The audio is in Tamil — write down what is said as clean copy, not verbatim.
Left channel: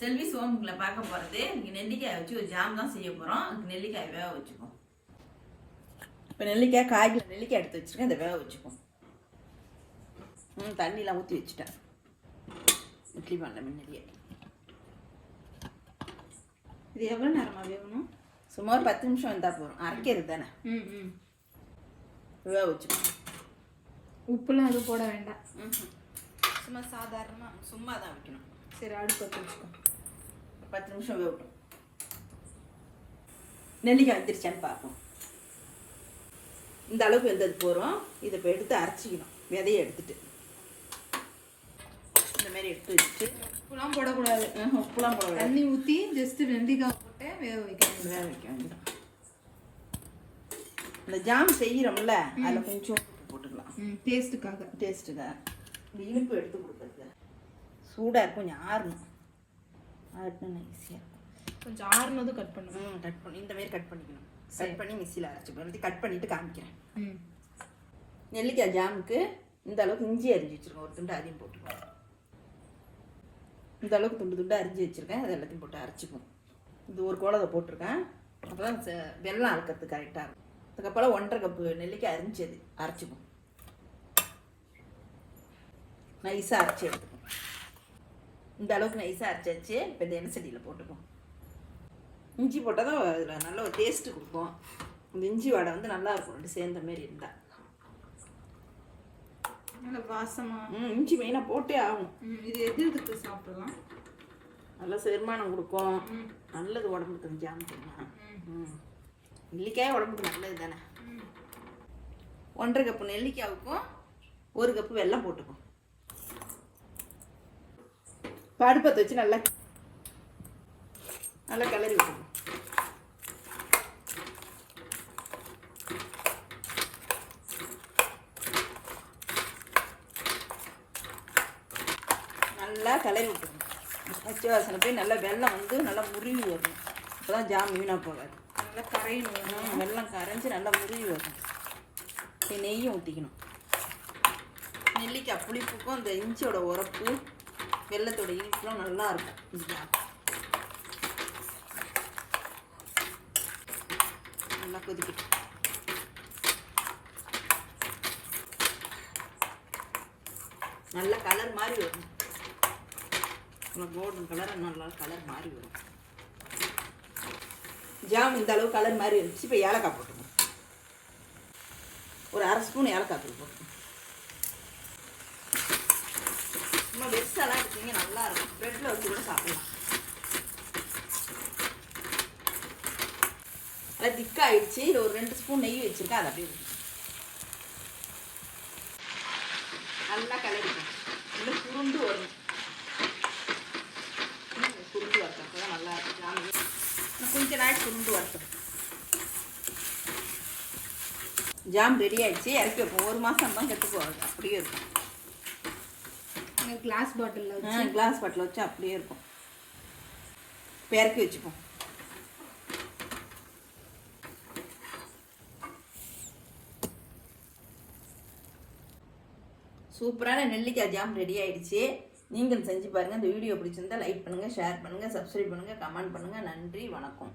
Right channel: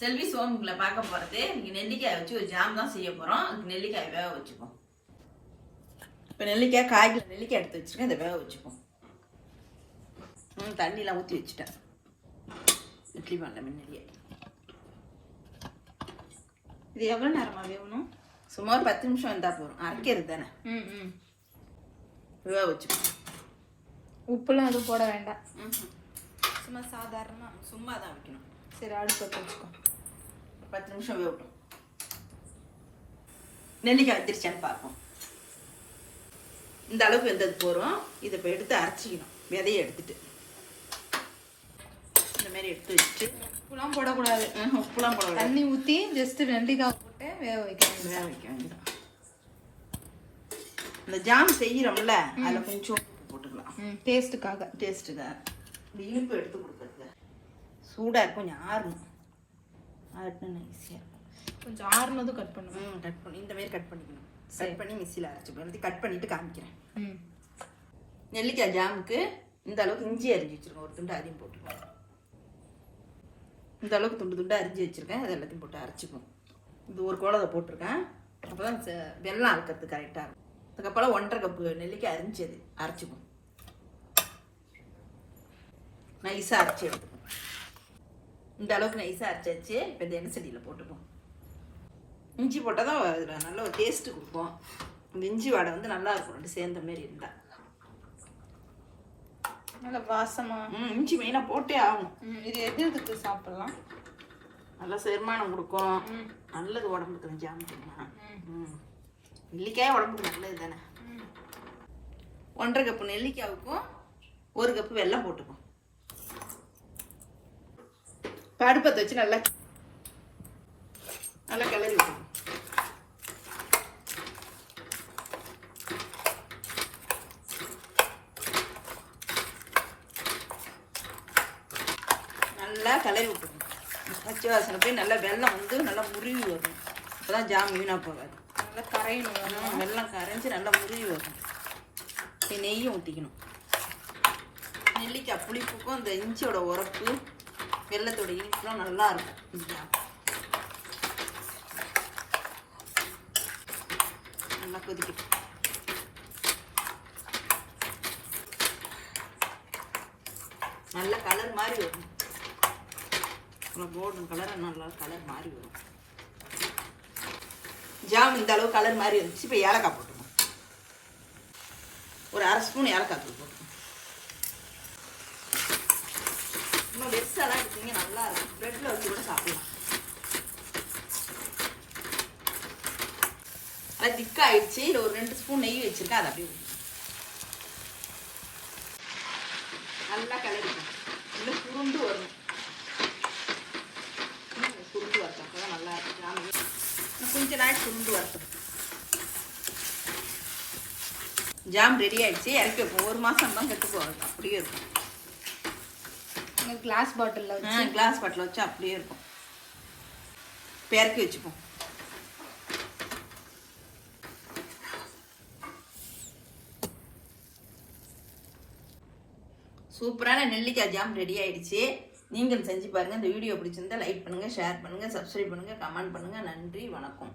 செல்வி சோமுக்குள்ள பார்க்க போகிறது இங்கே நெல்லிக்காய் வச்சு ஒரு ஜாம் தான் செய்ய போகிறோம். அதுக்கு நெல்லிக்காய் வேக வச்சுப்போம். இப்போ நெல்லிக்காய் காய்க்கு நெல்லிக்காய் எடுத்து வச்சுருக்கேன். இதை வேக வச்சுப்போம். தண்ணியெலாம் ஊற்றி வச்சுட்டேன். இட்லி பண்ணல முன்னாடியே. இது எவ்வளோ நேரமாக வேகணும்? சுமார் 10 நிமிஷம் இருந்தால் போதும். அரைக்கிறது தானே. வேக வச்சுப்போம். உப்புலாம் எதுவும் போட வேண்டாம். சும்மா சாதாரணமாக சும்மா தான் வைக்கணும். சரி, அடுப்பு பற்ற வச்சுக்கோ. 10 நிமிஷம் வேகட்டும். நெல்லிக்காய் வச்சிருச்சான்னு பார்ப்போம். இந்த அளவுக்கு வெந்தது போகிறோம். இதை இப்போ எடுத்து அரைச்சிக்கணும். விதையை எடுத்துட்டு இந்த மாதிரி எடுத்து வச்சுட்டு உப்புலாம் போடக்கூடாது. உப்புலாம் போடக்கூடாது. தண்ணி ஊற்றி ஜஸ்ட் நெல்லிக்காய் போட்டு வேக வைக்கணும். வேக வைக்க வேண்டியதான். இந்த ஜாம் செய்கிறோம்ல அதில் கொஞ்சம் போட்டுக்கலாம். டேஸ்ட்டுக்காக. இந்த இனிப்பு எடுத்து கொடுக்குறது சூடாக இருக்கும். கொஞ்சம் ஆறணும். ஆட்டினா ஈஸியாக இருக்கும். கொஞ்சம் ஆறுனதும் கட் பண்ணுவேன். கட் பண்ணி இந்த மாதிரி கட் பண்ணிக்கணும். கட் பண்ணி மிக்சியில் அரைச்சிப்போம். இது கட் பண்ணிட்டு காமிக்கிறேன். நெல்லிக்காய் ஜாமுக்கு இந்த அளவுக்கு இஞ்சி அரிஞ்சு வச்சுருக்கேன். ஒரு துண்டு அதையும் போட்டுக்கோங்க. இந்த அளவுக்கு துண்டு துண்டு அரிஞ்சு வச்சுருக்கேன். அது எல்லாத்தையும் போட்டு அரைச்சிப்போம். இந்த ஒரு கோலத்தை போட்டிருக்கேன். அப்போ தான் வெள்ளம் அரைக்கிறது கரெக்டாக இருக்கும். அதுக்கப்புறம் 1.5 கப்பு நெல்லிக்காய் அரிஞ்சது அரைச்சிப்போம். நைஸாக அரைச்சி எடுத்துப்போம். இந்த அளவுக்கு நைஸாக அரைச்சாச்சு. இப்போ இந்த எண்ணெய் சட்டியில் போட்டுப்போம். இஞ்சி போட்டால் தான் அதில் நல்ல ஒரு டேஸ்ட்டு கொடுப்போம். அந்த இஞ்சி வாடை வந்து நல்லா இருக்கும். ரெண்டு சேர்ந்த மாதிரி இருந்தால் நல்லா வாசமாக. இஞ்சி மெயினாக போட்டே ஆகும். இது எதுக்கு சாப்பிடலாம்? நல்லா செரிமானம் கொடுக்கும். நல்லது உடம்புக்கு. ஜாம் நெல்லிக்காய் உடம்புக்கு நல்லது தானே. 1.5 கப்பு நெல்லிக்காய்க்கும் 1 கப்பு வெல்லம் போட்டுக்கும். அடுப்பத்தை வச்சு நல்லா கிளறி விட்டுரும். நல்லா கிளறி விட்டுருங்க. பச்சை வாசனை போய் நல்லா வெல்லம் வந்து நல்லா முருவி வரும். அப்போதான் ஜாம் வீணாக போகாது. நல்லா கரையணும். வெல்லம் கரைஞ்சி நல்லா முருவி வரும். நெய்யும் ஊற்றிக்கணும். நெல்லிக்காய் புளிப்புக்கும் அந்த இஞ்சியோட உரப்பு வெள்ளத்தோட இனிப்புலாம் நல்லா இருக்கும். நல்லா கொதிக்கட்டும். நல்ல கலர் மாதிரி வரும். கோல்டன் கலர் நல்லா கலர் மாதிரி வரும். ஜாம் இந்த அளவு கலர் மாதிரி இருந்துச்சு. இப்போ ஏலக்காய் போட்டுக்கணும். ஒரு 1/2 ஸ்பூன் ஏலக்காய் போட்டுக்கணும். இன்னும் வெறுசெல்லாம் எடுத்தீங்க நல்லா இருக்கும். ப்ரெட்டில் வச்சு கூட சாப்பிடலாம். அது திக்காயிடுச்சு. இது ஒரு 2 ஸ்பூன் நெய் வச்சுருக்கேன். அதை அப்படியே நல்லா கிளறிக்கும். இன்னும் சுருண்டு வரும். சுருண்டு வரட்டும். அப்போ தான் நல்லா இருக்கும். கொஞ்ச நாள் சுருண்டு வரட்டும். ஜாம் ரெடி ஆயிடுச்சு. எனக்கு 1 மாதம் தான் கெட்டு போகிறது. அப்படியே இருக்கும். கிளாஸ் பாட்டிலில் வச்சு கிளாஸ் பாட்டில் வச்சு அப்படியே இருக்கும். பெருக்கி வச்சுப்போம். சூப்பரான நெல்லிக்காய் ஜாம் ரெடி ஆயிடுச்சு. நீங்களும் செஞ்சு பாருங்க. இந்த வீடியோ பிடிச்சிருந்தா லைக் பண்ணுங்க, ஷேர் பண்ணுங்க, சப்ஸ்கிரைப் பண்ணுங்க, கமெண்ட் பண்ணுங்க. நன்றி, வணக்கம்.